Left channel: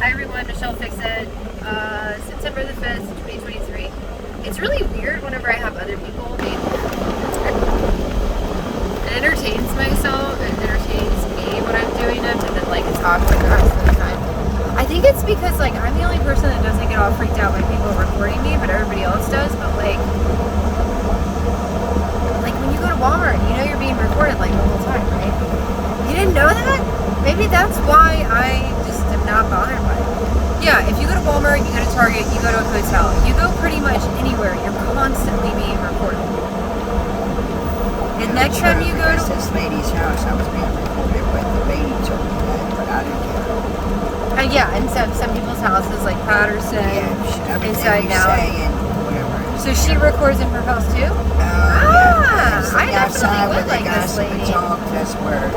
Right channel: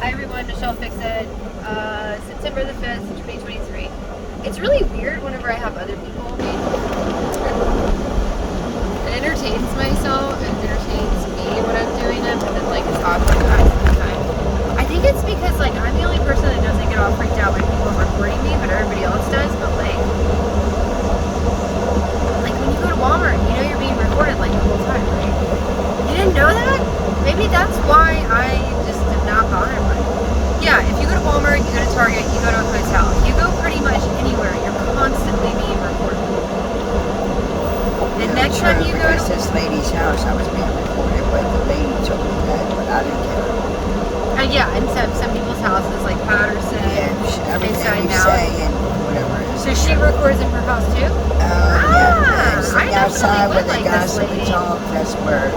Hi everyone, Michelle Fix It. September the 5th, 2023. It's really weird whenever I have other people. It entertains myself, it entertains me when I'm doing it, but then like talking to myself. I think it's because like I'm the only person that doesn't get all freaked out by people recording me, but everybody else does. But like when you go to Walmart, you know you're being recorded like the whole time, right? You didn't know that? Maybe that's why I just am not bothered by it. Yeah, if you go to Walmart, you go to Target, you go to a hotel, you go pretty much anywhere, you're constantly being recorded. And next time you go to this lady's house, I was being recorded, but the lady told me that I didn't care. Yeah, and some people's houses, like Patterson, inside now. So she records in her house too? I definitely would like this lady. That's where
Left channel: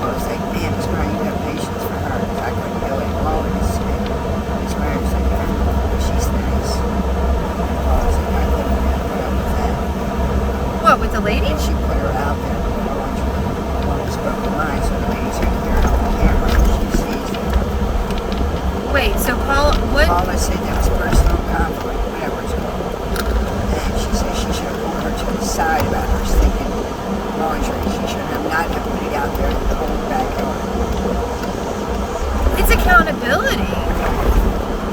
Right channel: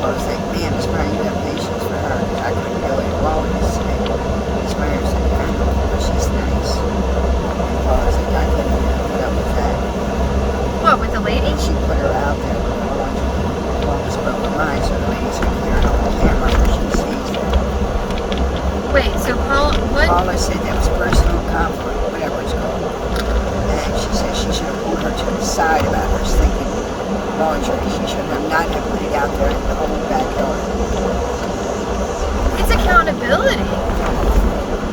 I was like, man, this girl, you got patience for her. I couldn't be like, well, this marriage, she's nice. I was like, I couldn't put up with that. What, with the lady? She put her out there. All these broken lines, and the ladies are on the camera, and she sees that. Wait, so what? Paula said that was personal conflict, whatever it's called. And she said she should have pulled her to the side about her thinking, she should have not have put it out there and pulled it back up. It's accountability.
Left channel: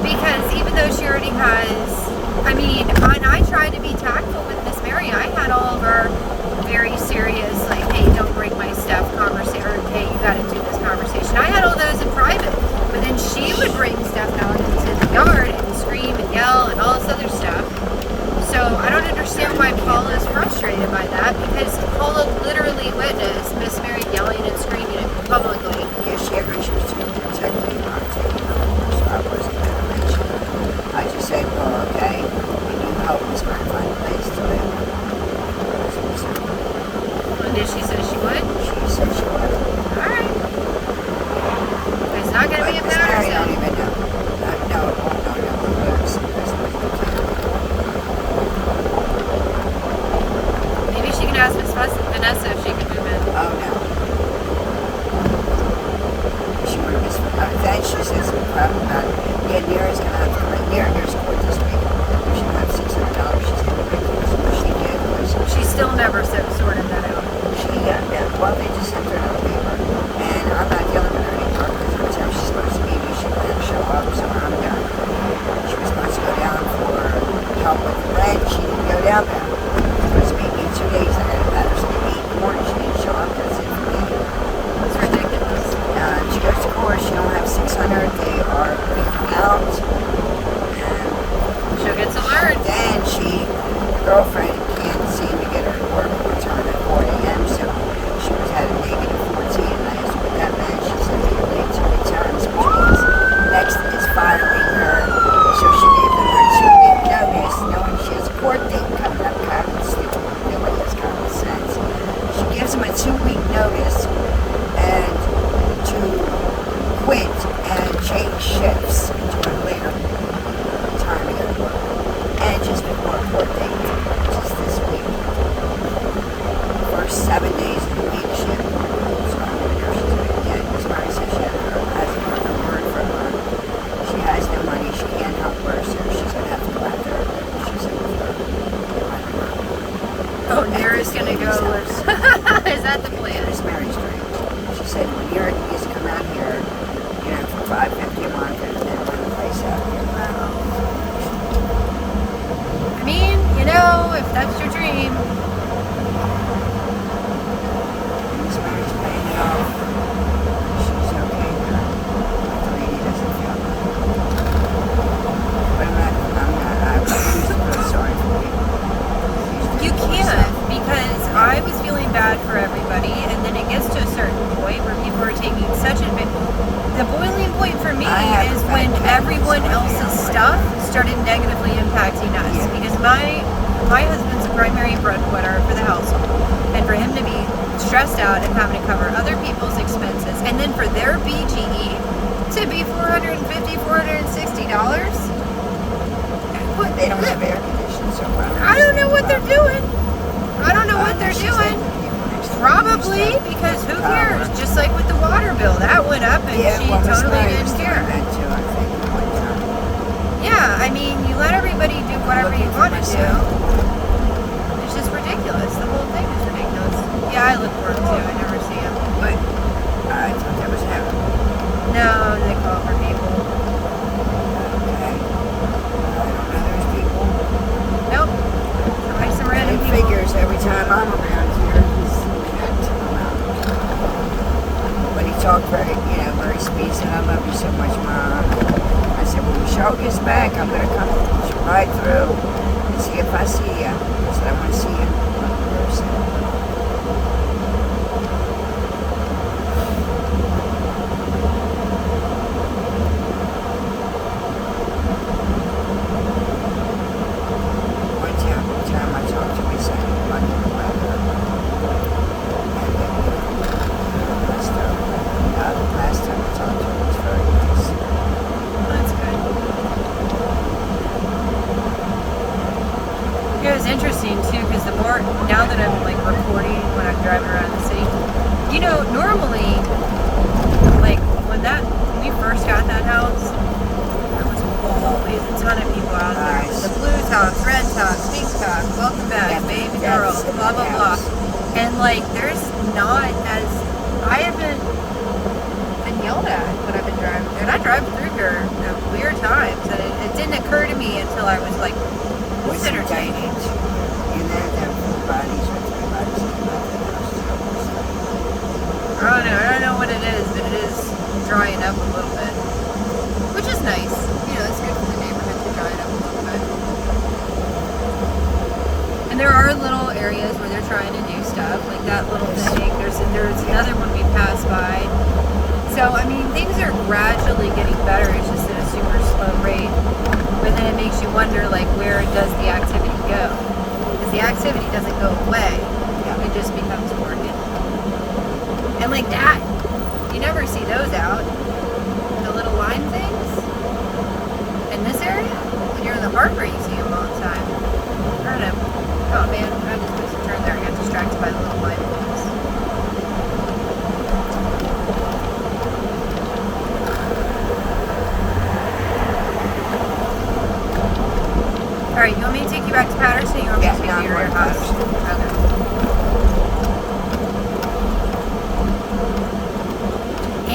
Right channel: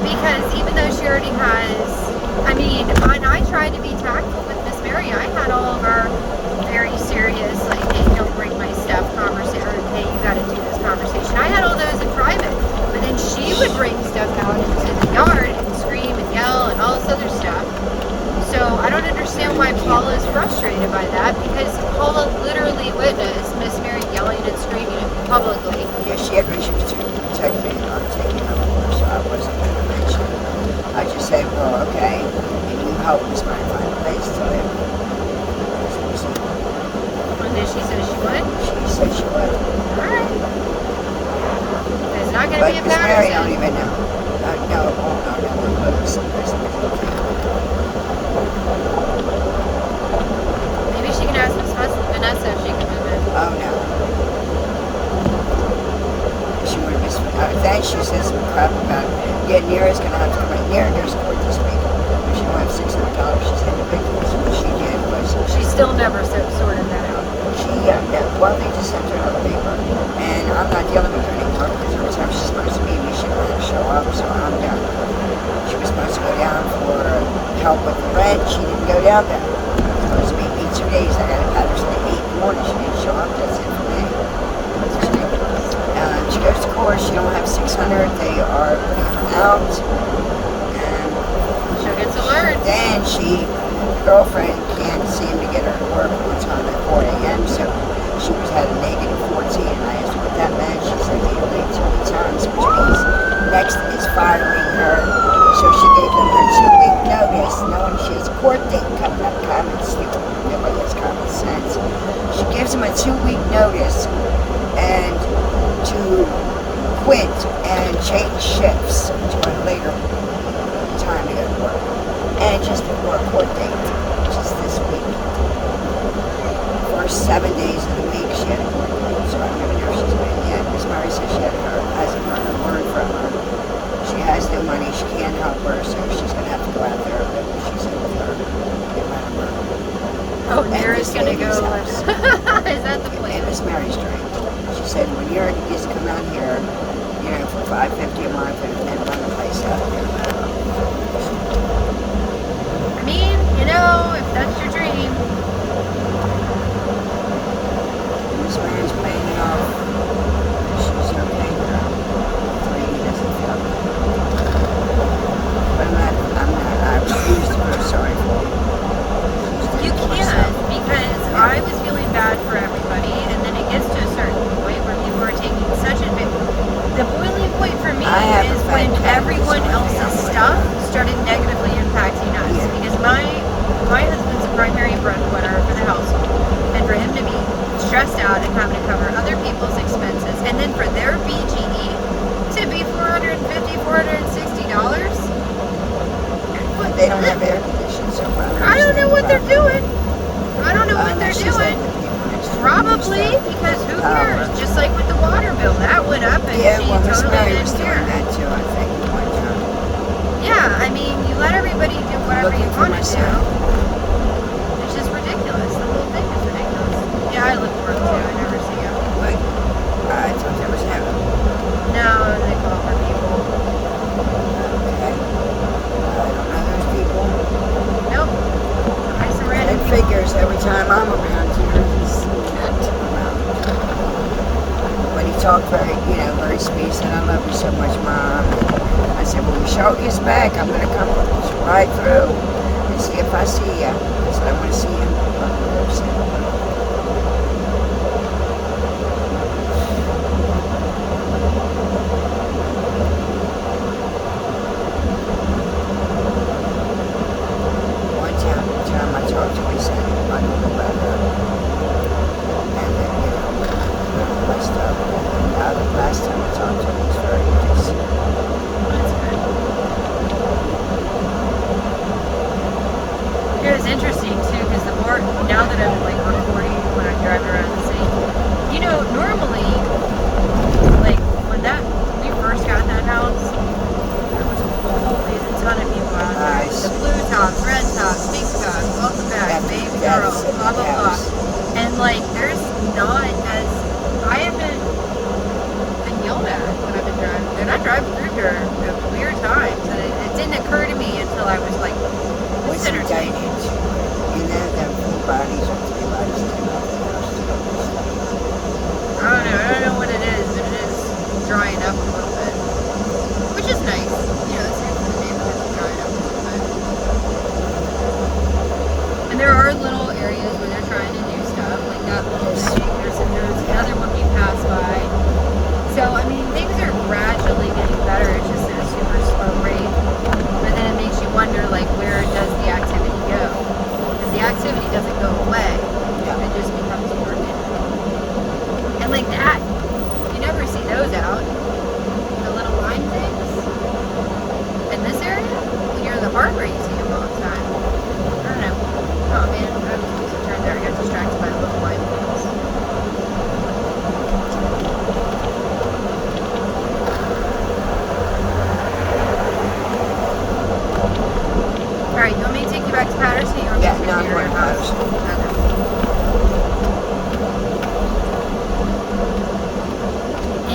Because even though she already has, and I tried to be tactful with Miss Mary, I had all of our very serious, like, hey, don't break my stuff conversation, or hey, you got to do this conversation. I had all those in private. But then she would bring stuff out into the yard and scream and yell and all this other stuff. So I don't understand why Paula is frustrated by that, because Paula literally witnessed Miss Mary yelling and screaming at me publicly. Yeah, she was too protective. I just said, well, okay, you know how it was my final place to live. And did she say she would? She said she would. Alright. It's not going to be a Patterson. I don't even know. Maybe she can ask Miss Vanessa if she can move in. Oh, no. Then she says some crap about it. Yeah, Nira's going to have to come in. Nira's court this week. She don't have $600. She's had to pay for it. What she did was... She still never sorted that out. Well, they just sent her another paper. And I'm not dealing with her anymore because it was how she's supposed to be. And she didn't have to show up, so I'm done. She was supposed to go down for help with the rent. She didn't go down there. It was supposed to be 2 days. I had Patterson at 8 in the morning. She didn't show up. That's it for me. It's ridiculous. She goes to court. She don't have 600. They are putting her out. And she'll get to learn. Then girlfriend can't seem to get her to work on time at 4 a.m. So she was at a negative 14. And I asked her what that meant. She said that you're late 3 times, which means next is firing her. So she gave them her 2-week notice, knowing she has a court date coming up. Common sense. She gives them a 2-week notice and to quit and change shifts to a later time to go to work. And just before a court date, which is this week. For 7 days of the week, she had to work. So I don't even know if she's doing it yet. Miss Mary says she hasn't heard from her. She has no money. She can't help her, so she's going to have to go out there. She said with her. Oh, Nira's going to go. Is that the plan? Miss Mary's dream. She said when Nira used to come out here, for $5.50 a month and run the place up. If that's your dream. Miss Mary's paying it off. She's okay. The lady doesn't feel me. I refuse to feel sorry for you. You can't, because I was feeling bad for everybody, and then it gets to a certain point where people are taking such a bit. The boiling point for me is when everyone else's stuff started negatively impacting us, because my husband's a primary breadwinner for the household, and for him to be stressed out and having to cover other people's expenses, and then for their BGE to be $450, $460. They don't have air conditioning, so I don't know what they're doing. I don't know what they're doing. Probably, because who cares? Just like with the water bill, that went up and she totally didn't care. That too, I think. Yeah, I mean, you let everybody do whatever you want to do. It's just ridiculous. The whole thing is ridiculous. Yeah, I look for them too. I never see them. What? I thought that was him. No, they call for people. Okay. There's people. Nope. I some random It people. figures every time I'm around here, he's acting around. When he talked very sweet, said, I love you so much, Mom. I said, when Michelle gets back, I'm going to come right through and see if I see you. I said, I want to see you in person. One time I talked to him, he said, I'm going to love her. And then, last time I talked to him, he was very interested. That's good. It was interesting too, because the more, now that I'm like recording when I'm driving around the city, you know, normally, like when we first got that house, there was always a ton of people out there. Nice. The blue tops, red tops, pink tops, welcome back, baby girl, That's it, blah, blah, blah. yes. And like, there's not as, I haven't been yelled at when I've been driving. And I drive through here at weird times, and it didn't occur to me until I was like, this is entertaining. And then them full bodies are three bodies. I don't know what it is, but it is drying up a little bit, which is nice. You know, it's good for the neighborhood to dry up a little bit. And there are little areas where they're trying to do stuff, like that little thing. There's another one we passed by. So I mean, things are gradually getting better. It's just at a super slow rate. But then it makes you wonder, like, where does the activity go? Because the activity doesn't go away. It just becomes organ. And like that, you never see those out. The little lime things in this area. And you're in the harbor, you see them all the time. I don't know. Oh man, I'm supposed to turn there. I got distracted by the little lime things. Alright, you want me to take you back to Patterson or you want me to take you to your house? Okay.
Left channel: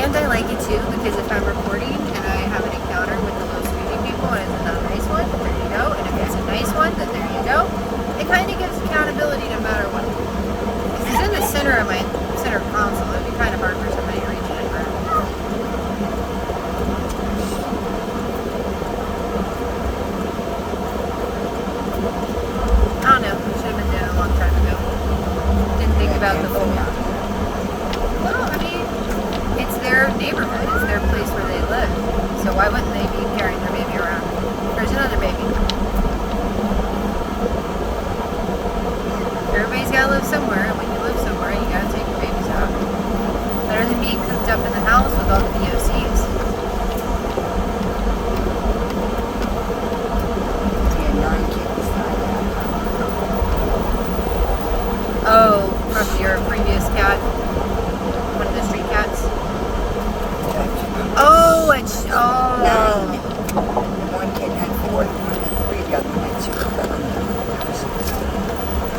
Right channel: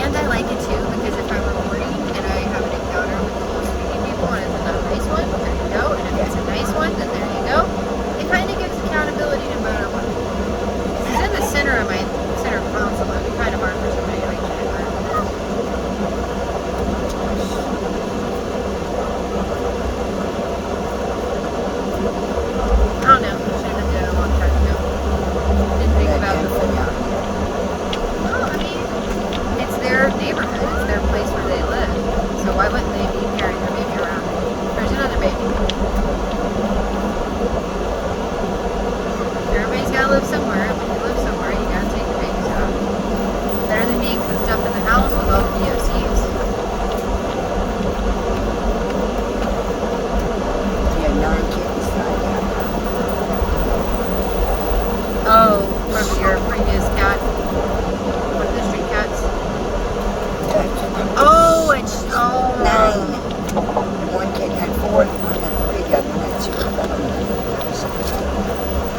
And I like it too because if I'm recording and I have an encounter with the little sweetie people and it's not a nice one, there you go. And if it's a nice one, then there you go. It kind of gives accountability no matter what. This is in the center of my center console. It'd be kind of hard for somebody to reach it. I don't know. Should have been doing it a long time ago. Didn't think about the whole. Well, I mean, it's their neighborhood. It's their place where they live. So why wouldn't they be carrying their baby around? There's another baby. Everybody's got to live somewhere. And when you live somewhere, you got to take your babies out. Better than being cooped up in the house with all the VOCs. Yeah, 9 kids. Oh, from your previous cat? One of the street cats? Oh, it's... Oh. 9. One kid had 4, one had 3, the other one had 2.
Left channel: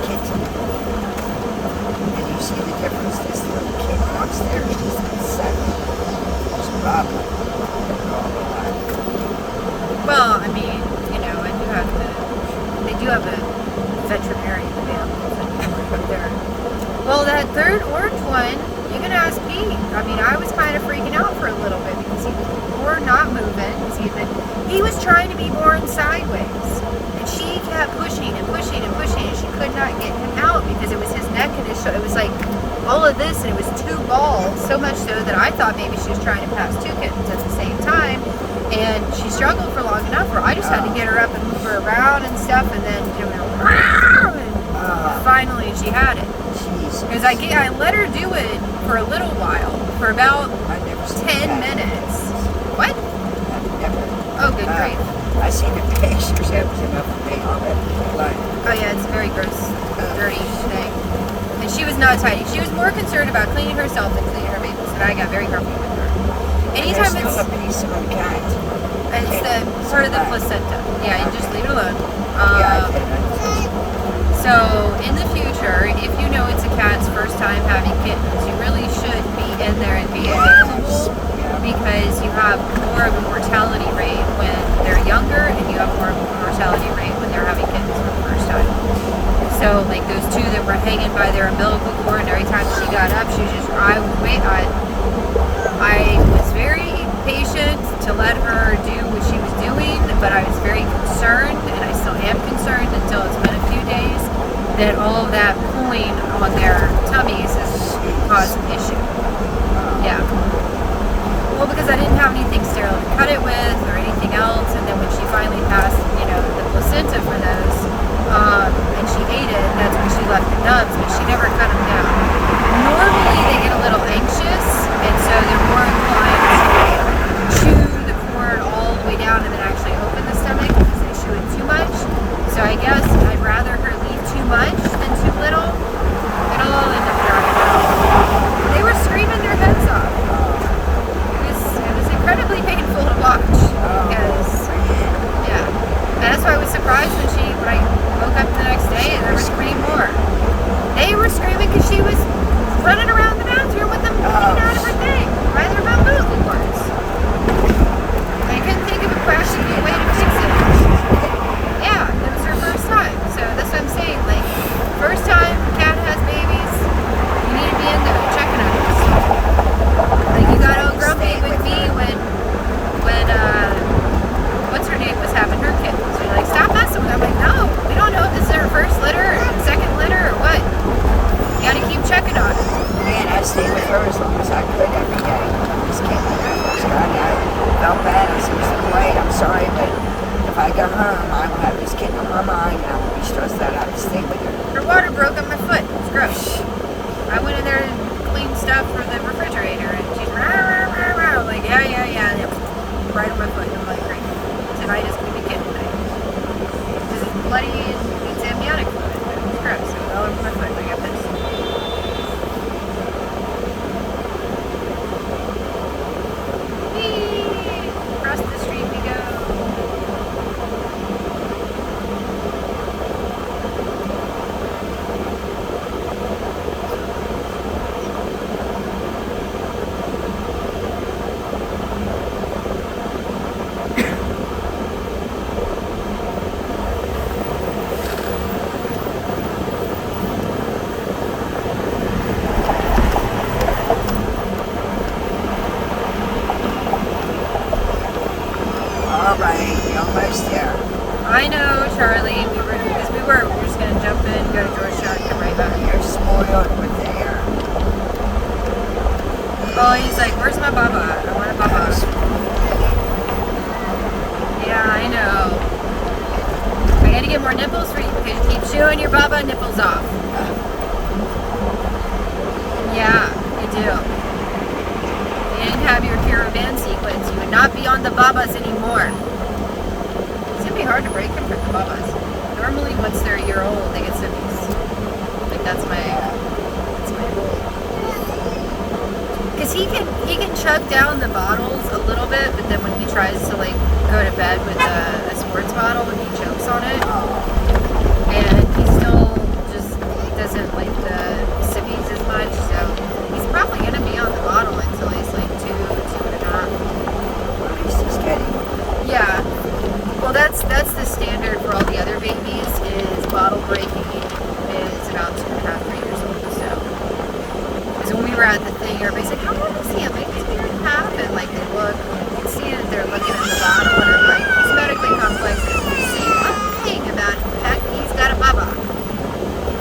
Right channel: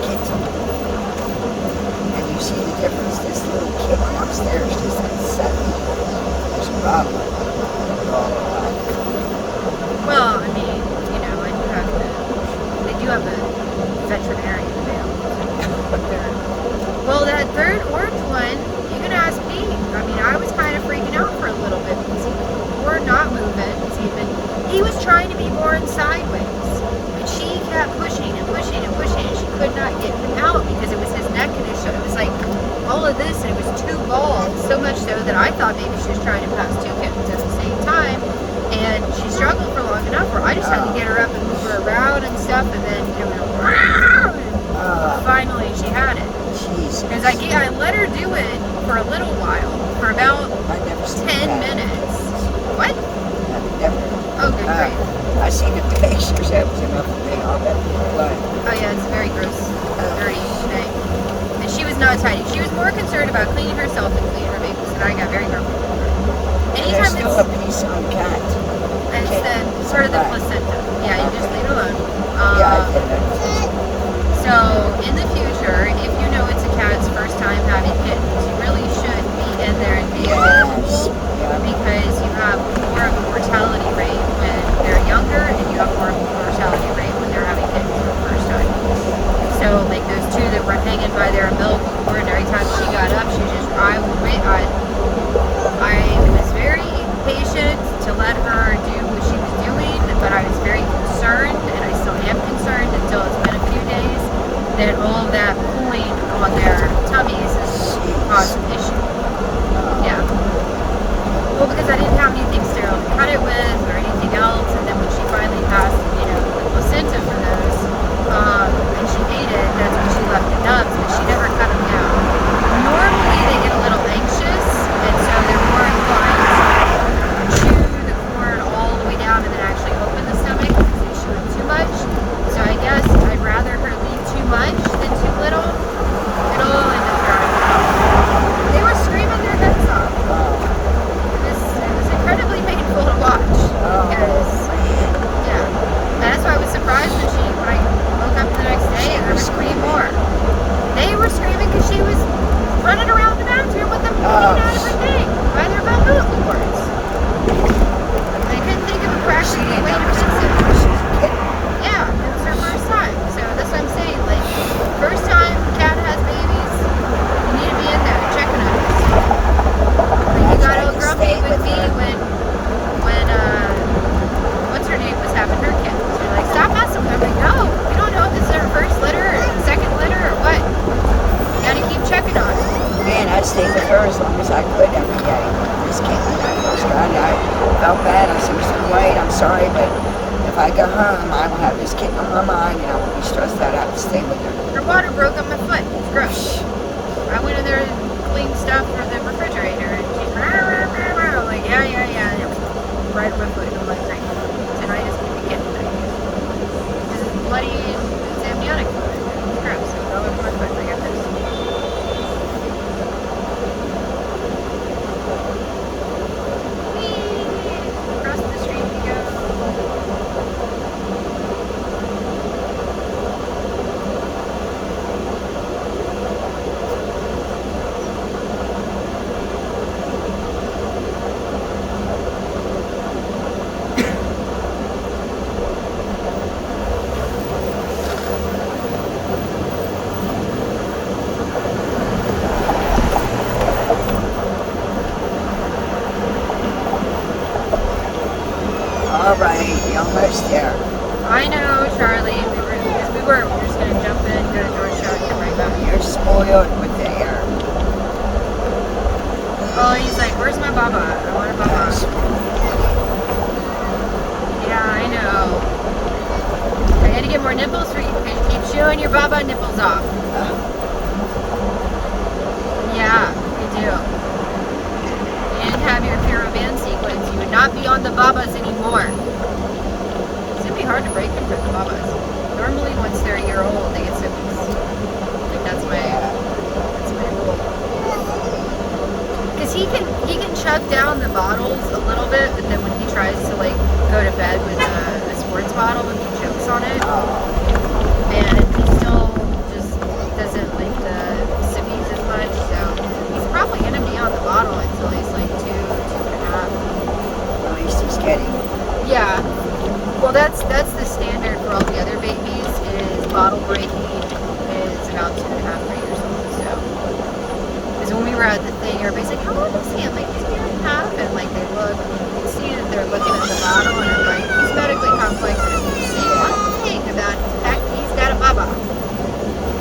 Kids. And you see the difference. This little kid upstairs is like 7. There's a problem. They're all alive. Well, I mean, you know, and you have to... They do have a veterinarian available. Well, that third orange one, you can ask Pete. I mean, I was kind of freaking out for a little bit because he was not moving. Because he was trying to be born sideways. And she kept pushing and pushing and pushing, and she could not get him out because it was his neck and his shoulder. It was like all of this, and it was 2 balls. So much so that I thought maybe she was trying to pass 2 kittens at the same time. And she struggled for long enough where I just had to get her up and move her around and stuff, and then it was finally she had it. Because I let her do it for a little while, for about 10 minutes. What? Oh, good grief. I seen the pictures. That was enough for me. All that blood. Oh yeah, it's very gross, dirty thing. And she was not tidy. She was more concerned about cleaning herself and cleaning her babies, and I got very grumpy with her. There's Anytime still it's a piece on cat. the part of the placenta. Yeah, you just leave it alone. Yeah, I get it. So in the future, if you know it's a cat's first time having kittens, you really should be in there and be available, because you have more of a mortality rate when they're younger, and you have more of a mortality rate when they're having kittens for the first time. So like those two that were hanging by their umbilical cord, and every time she got up, she was just, I was very patient to let her do what she was doing, but I was very concerned, and I still am concerned until it's been a few days, that all of that pulling on their tummies is causing issue. Yeah. Well, because I didn't have anything sterile to cut it with or anything else, and then when she finally passed, the placenta for those, and she ate it, that's when she left the nubs, but she never cut them down. Normally they get a little anxious, and so they're more inclined to chew the cord all the way down and then actually open the stomach because they chew it too much. So I guess I'd rather her leave too much than too little. It'll all end up drying out. They were screaming their heads off. It was incredibly painful to watch because, yeah. And that's why I was surprised when I woke up the next day and there was 3 more. They were screaming because she was running around the bathroom with them hanging out of her thing by their umbilical cords. I couldn't think of a practical way to fix it. Yeah, it was her first time. So that's what I'm saying. Like, first time cat has babies, you need to be in there checking on it. Like, you got all grumpy with me when what's her name was having her kittens. You're like, stop messing with her. I'm like, no, we don't know if this is her first litter or second litter or what. You gotta keep checking on her. Man, I stayed with her as long as I could every day. This kitten when I first got it, I felt bad. I said, Mr. White, I'm sorry, but if I go home, I would have this kitten on my mind, and I would be stressed out. I have to stay with her. Her water broke on my foot. It's gross. I went in there to clean stuff for the refrigerator, and she's like, yeah. Right on my foot. I'm like, great. Tonight is going to be kitten night. This is bloody, and it's amniotic. It's gross. It's all over my foot. I got pissed. Whee! Across the street we go. All right, we almost there. I know, Charlie. We were just gonna jump in, go to Georgetown, and come right back. You're spoiled with the air. Oh, he's like, where's my baba? I want a baba. Yeah, I know. I gotta get more nipples for you because you keep chewing your baba nipples off. Yeah, you do. If you didn't have your caravan sequence, you would not be on the babas anymore. It's gonna be hard to break them for the babas. Normally, once they're a year old, they get siblings. Like that's my rule. Because he can chuck down the bottles a little bit, but then when he tries to like go to bed with a sports bottle, he chokes on it, and he still just doesn't like the sippies as much. So he's probably gonna be on the bottle until he's like 2.5. At least he's getting. Yeah. Well, that's the standard for all the other babies. Is bottle breaking is about 2.5, 3 years old. So, because when we were at the thing, everybody's like, "How old is he?" I'm like, "He's 2.5," and like they look, you can see that they're looking at the bottle, and I'm like, "He's medically complex." But if you say one thing about him, heck, he's got a baba.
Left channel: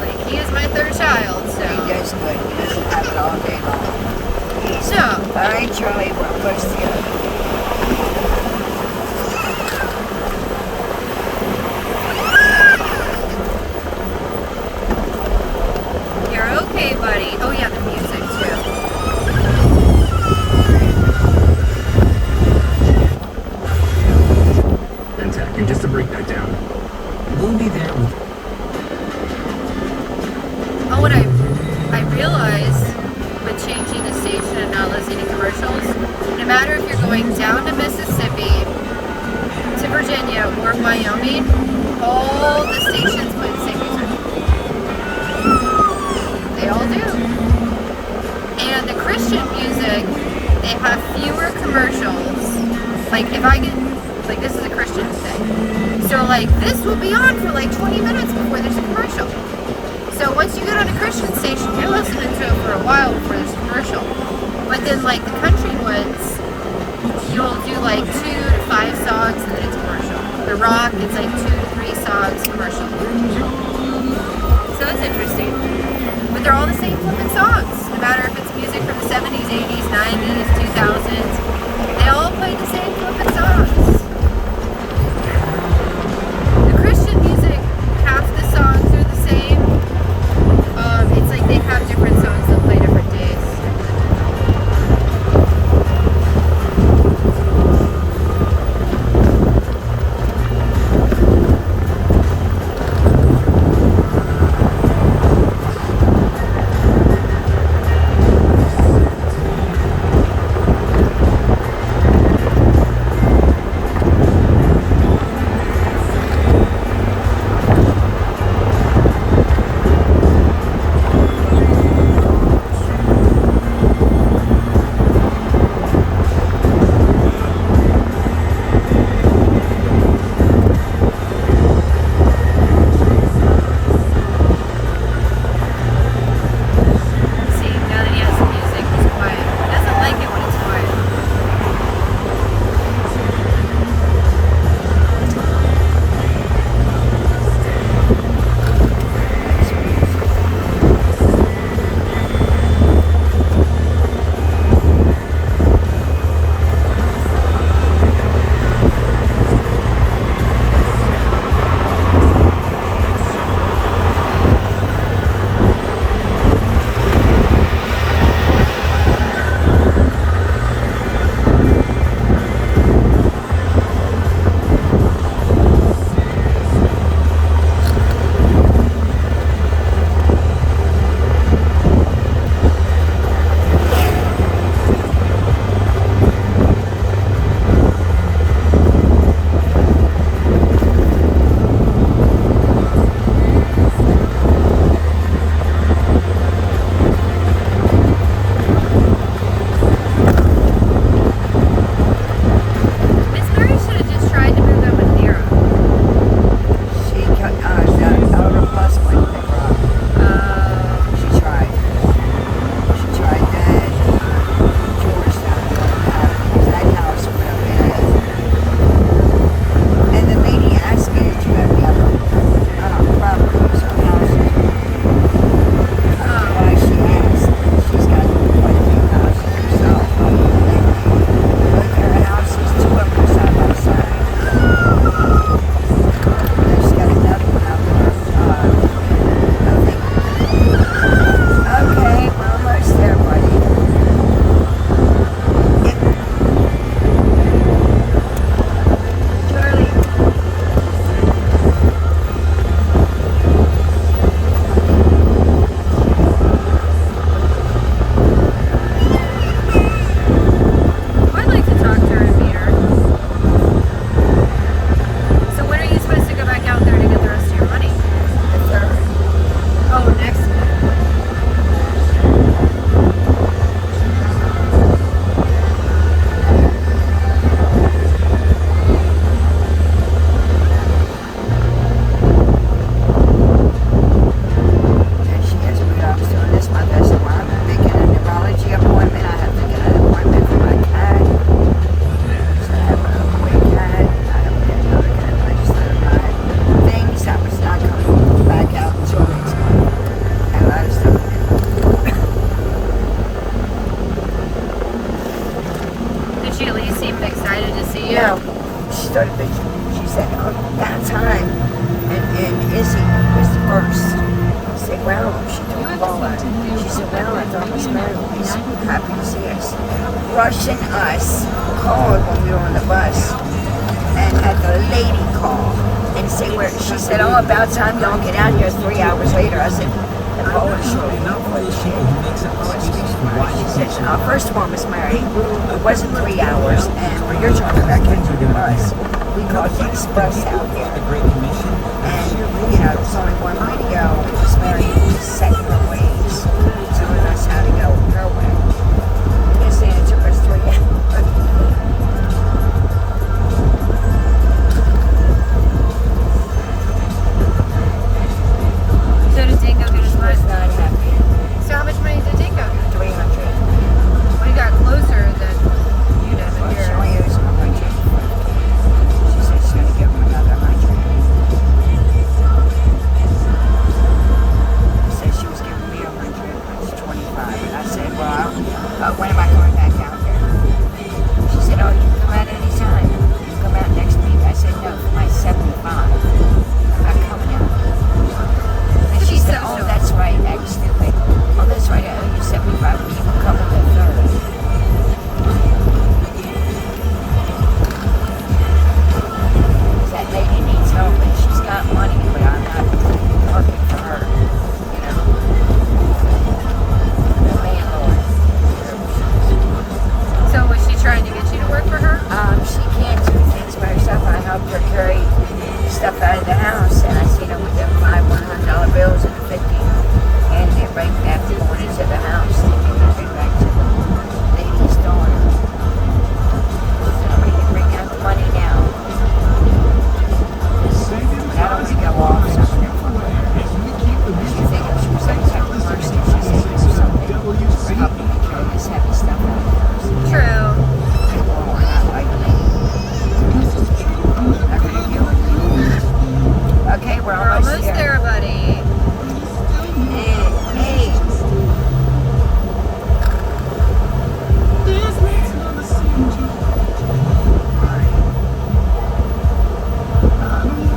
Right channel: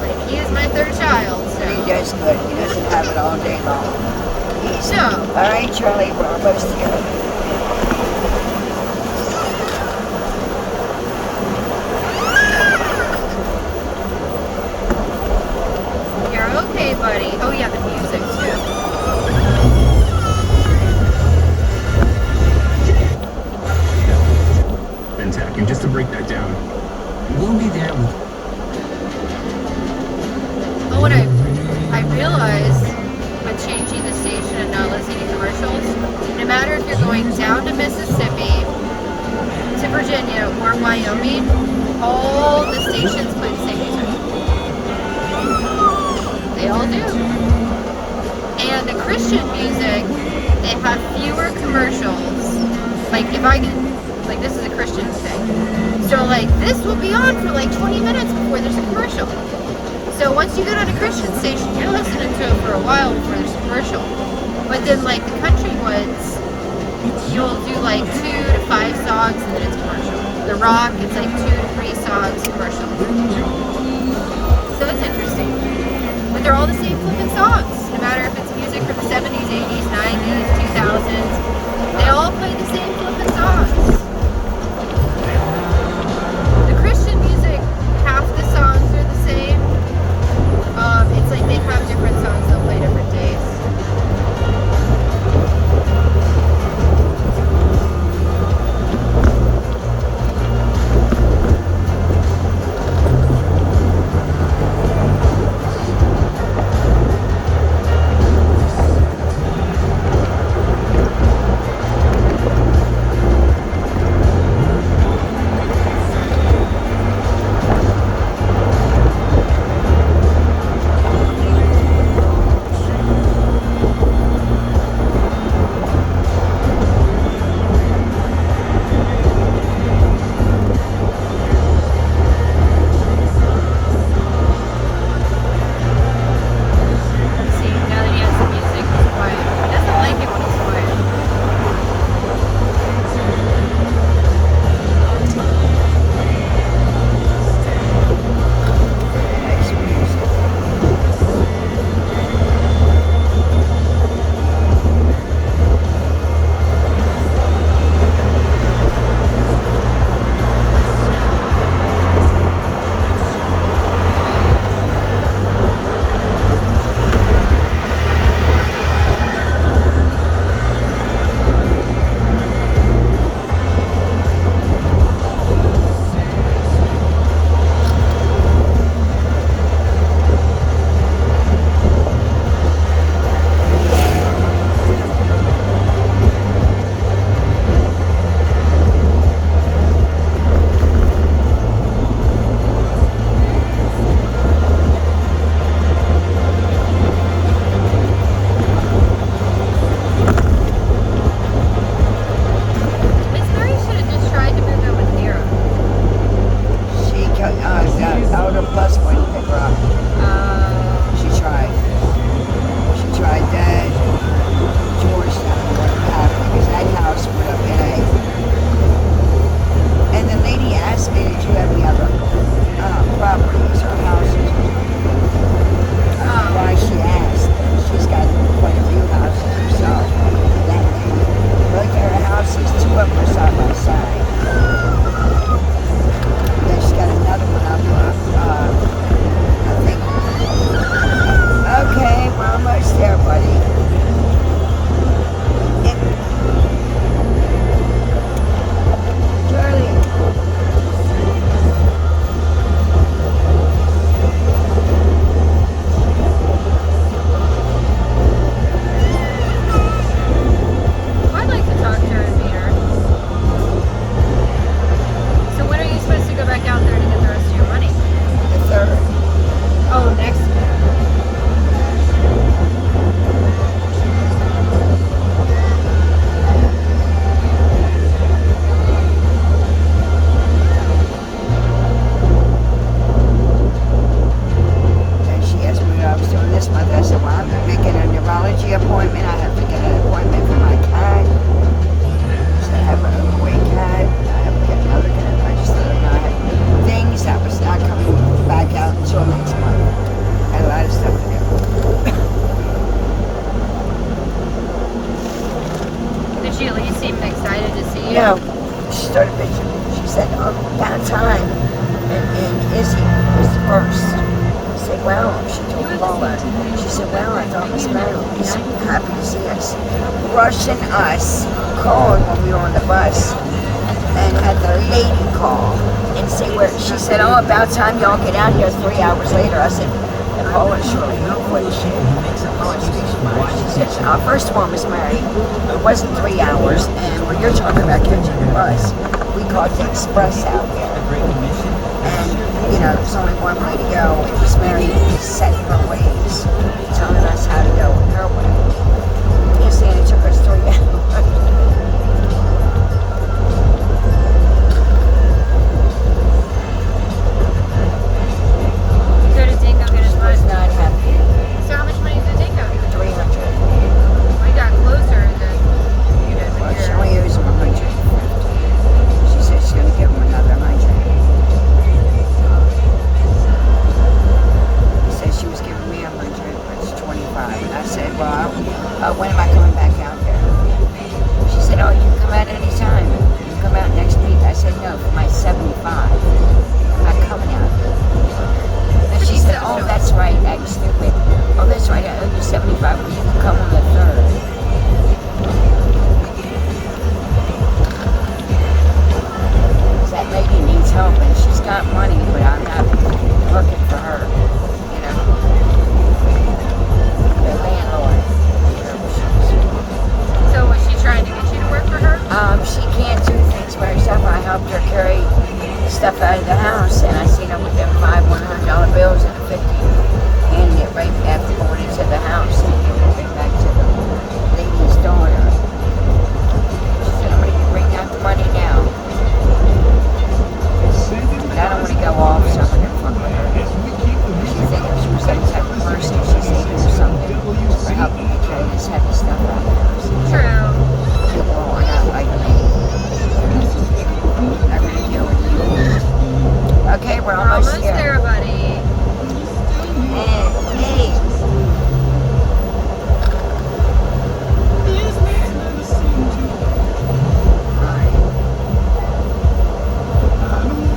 Like he is my third child. So He does good. He doesn't have it all day long. no. All right, Charlie, we're almost there. You're okay, buddy. Oh yeah, the music too. Tech. And just to break that down, we'll be there with. Oh, and I down to Mississippi, to Virginia, or Wyoming, all the stations play the same music. They all do. And the Christian music, they have fewer commercials. Like, if I get, like, this is a Christian thing. So, like, this will be on for like 20 minutes before there's a commercial. So once you get on a Christian station, you're listening to it for a while before there's a commercial. But then, like, the country ones, you'll do like 2 to 5 songs and then it's commercial. The rock, it's like 2 to 3 songs commercial. So that's interesting. But they're all the same flipping songs. No matter if it's music from the 70s, 80s, 90s, 2000s. They all play the same flipping songs. The Christian music, half the songs are the same. It's like they have different songs they'll play different days. Rushing us called when we were on the bus and had the lady call and say where she said, oh, about time y'all get out here 3 hours later. I said, call her shortly. She said, first of all, Miss Mary, it wasn't 3 hours, and when you're talking about catching the bus, we caught the express out here. And, you know, there's only one way to go, and Miss Mary set her ways, telling us how to go her way. Yes, it took us 3 hours. So did Dingo get his Was money? not happy. So how much money did Dingo get? 300. We got closer than you did Well, with she your. only owes him 100. She said she's going to give him another 100. She said she was giving me 100. It's 25. I said, well, when am I coming back out there? She said, oh, you can come back anytime. You can come back next week. I said, no, for my 75. I'm coming out. And she She's said, so oh, sure. that's right. I'm stupid. Oh, that's right. I owe you 75. You can come on the 3rd. That lady needs help, and she's got money, but I'm not working for her. You know, the landlord. So was she trying to get you to work for her? She can't do things by herself. I helped her carry stuff out of the house, and I seen her with them $500 bills and a 50, and it right after going into the house, and right back to the lady's daughter. She said, we can bring that money down. That only go off some of them from her. She said if she was like that person, she said it was something for helping me carry this heavy stuff out of the house. True. People will not like me. I really do it. Okay, we're We're almost here. there, buddy. Hey, hey.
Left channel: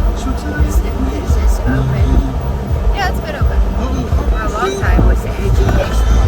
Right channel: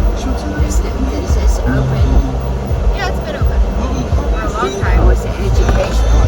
Is this open? Yeah, it's been open for a long time. Was it educational?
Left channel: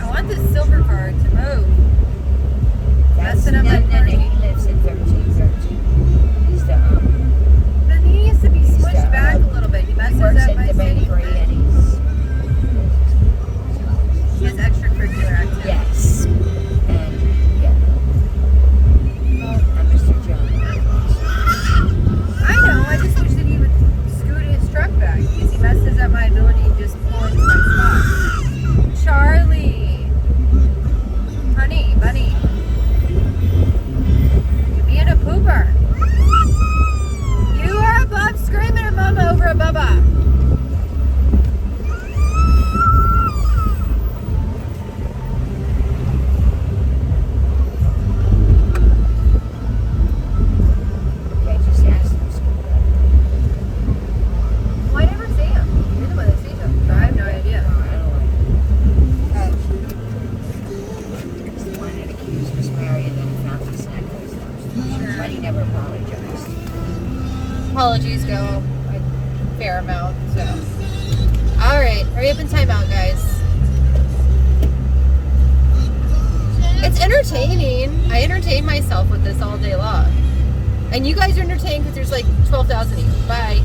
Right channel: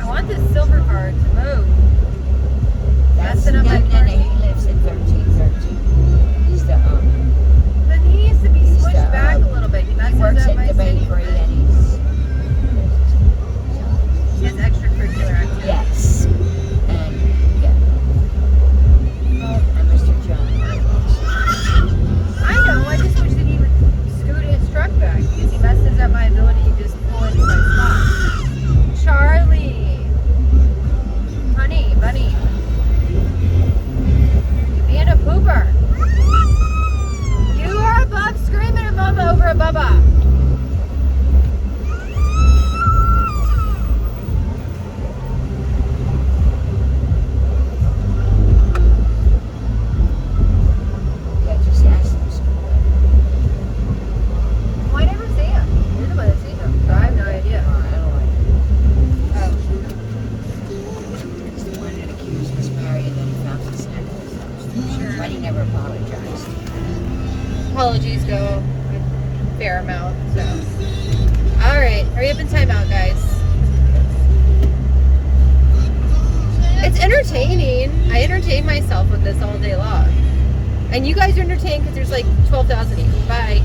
I want this silver card to move. That's Messing up my no, party. he lives in 1313. He's the Then he needs to be smushed back a little bit. He he messes works up at my the city. bakery, and He has extracurricular activities. yes, and yeah. And Mr. John. I know. I just wish that he would scoot his truck back because he messes up my ability to just pull into my spot. Charlie, honey, bunny, being a pooper. You are above screaming at mama over a bubba. Yeah, just ask him. Well, I never see him. You're the one that sees him, so I have no idea. Oh. Because the one that accused Miss Mary and then he found his necklace. But he never apologized. Apologies go a fair amount, so. All right, hurry up and time out, guys. It's entertaining. I entertain myself with this all day long. And you guys are entertained because there's like 12,000 of you. Bye.